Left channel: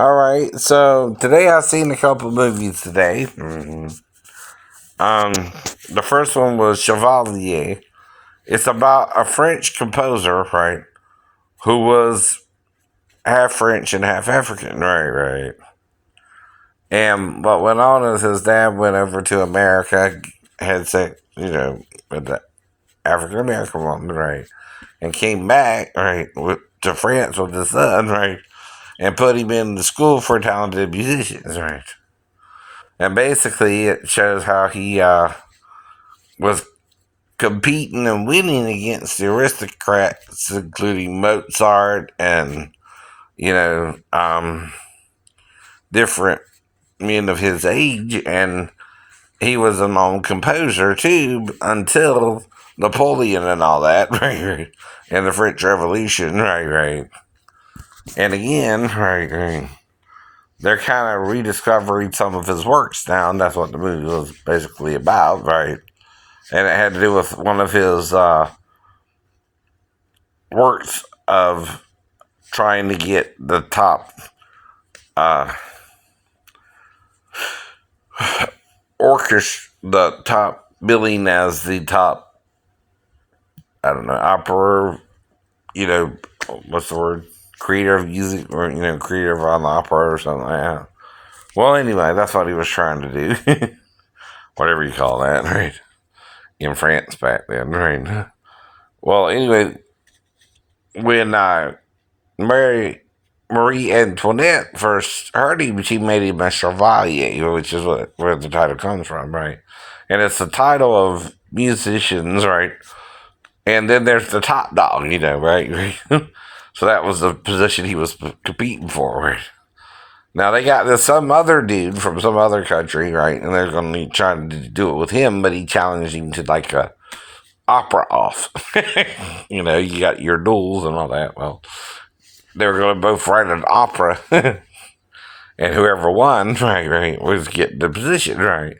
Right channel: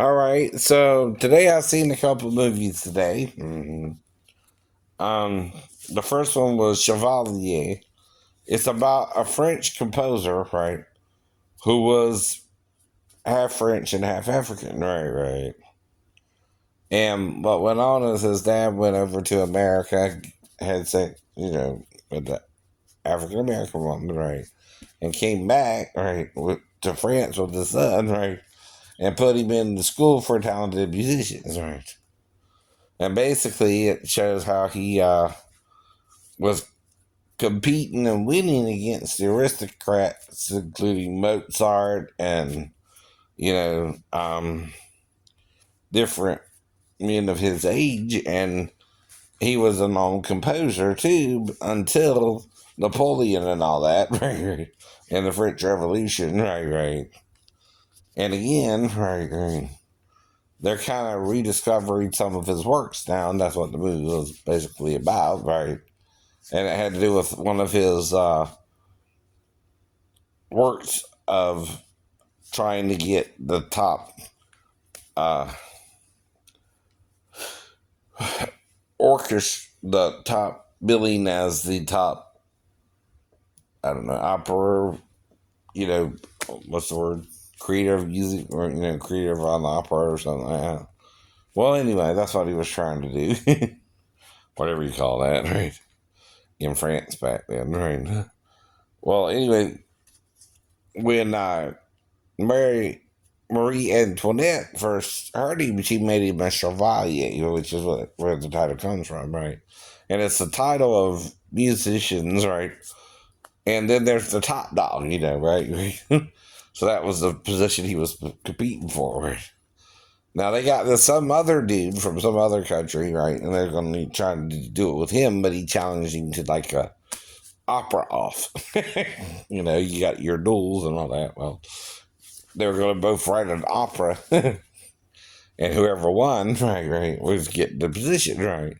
All right, so today I've seen a couple movies today. Um, the first one was Chevalier. It's about a French composer, right, who was half French and half African, right. And what went on is his dad went over to America, had sex, with the African American woman, right, and came back, right, to France with his son, right, and put him in the school for talented musicians, right. And basically, it shows how he was competing and winning against the aristocrats, including Mozart and, you know, different men of his age. And he was a known composer too until Napoleon and all that, right? And the French Revolution, right. And again, right. They're kind of rediscovering some of his works now, and that's what the movie was basically about, right? And it had to do with one of his works of trying to get the top uh, orchestra, the top billing as the top, I don't know, opera, what's the word? Creator of music, or, creator on opera or something like that. Well, anyway, that's what he was trying to do. Whatever you call that, right? In France back then, right? Well, anyway, when Marie Antoinette first heard him, she made him a Chevalier, which is where the title comes from, right? And it's the title of musicians, right? And then there's the top dog, right? So that was the position he was competing for, right? Now they got this some other dude from some other country, right? And they're going to be trying to do it with him, but he challenged him to like a opera off. You got your duels and all that. Well, they were going to both write an opera, and whoever won, right, was getting the position, right.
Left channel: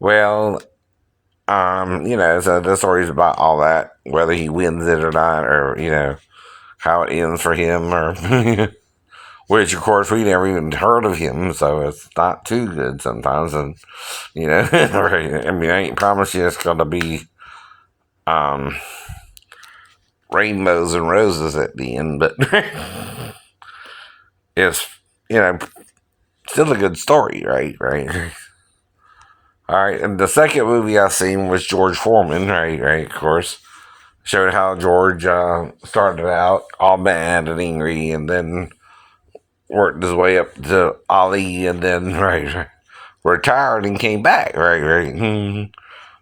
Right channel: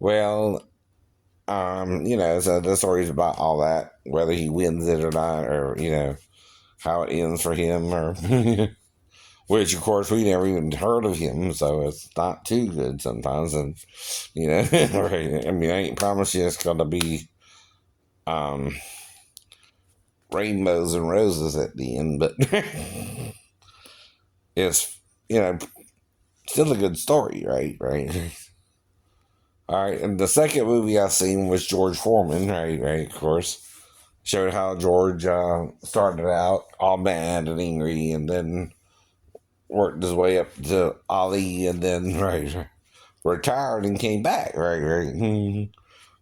Well, so the story's about all that, whether he wins it or not, or how it ends for him, or which of course we never even heard of him, so it's not too good sometimes, and right. I mean, I ain't promised you it's gonna be um rainbows and roses at the end, but it's still a good story, right. All right, and the second movie I seen was George Foreman, right, of course. Showed how George started out all mad and angry, and then worked his way up to Ali, and then, right, retired and came back, right.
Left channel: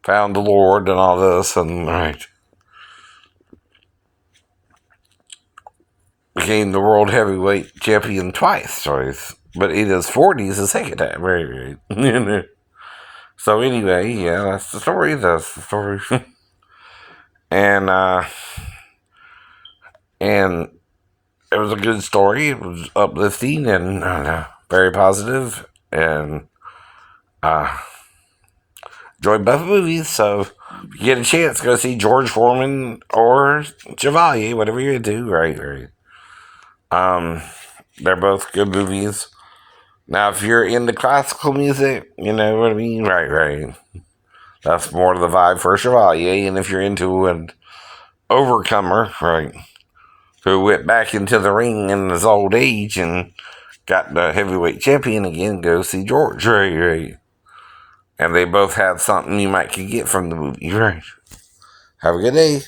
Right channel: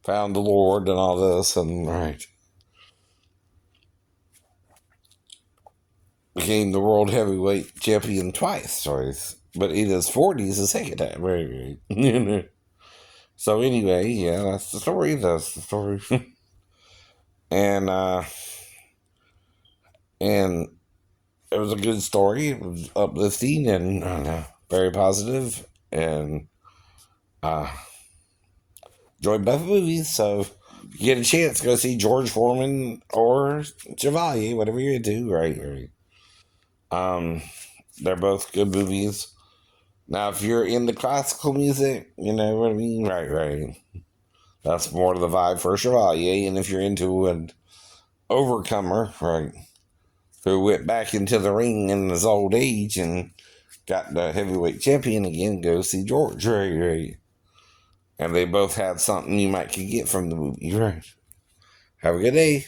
Found the Lord and all this, and, right, became the world heavyweight champion twice, but in his 40s the second time, right. So anyway, yeah, that's the story. That's the story. and and it was a good story. It was uplifting and very positive, and uh, enjoyed both movies. So if you get a chance, go see George Foreman or Chevalier, whatever you're into. Right. Um, they're both good movies. Now, if you're into classical music, you know what I mean. Right. That's more the vibe for Chevalier. And if you're into an overcomer, right, who went back into the ring in his old age and got the heavyweight champion again, go see George, right. And they both have something you might could get from the movie, right. Have a good day.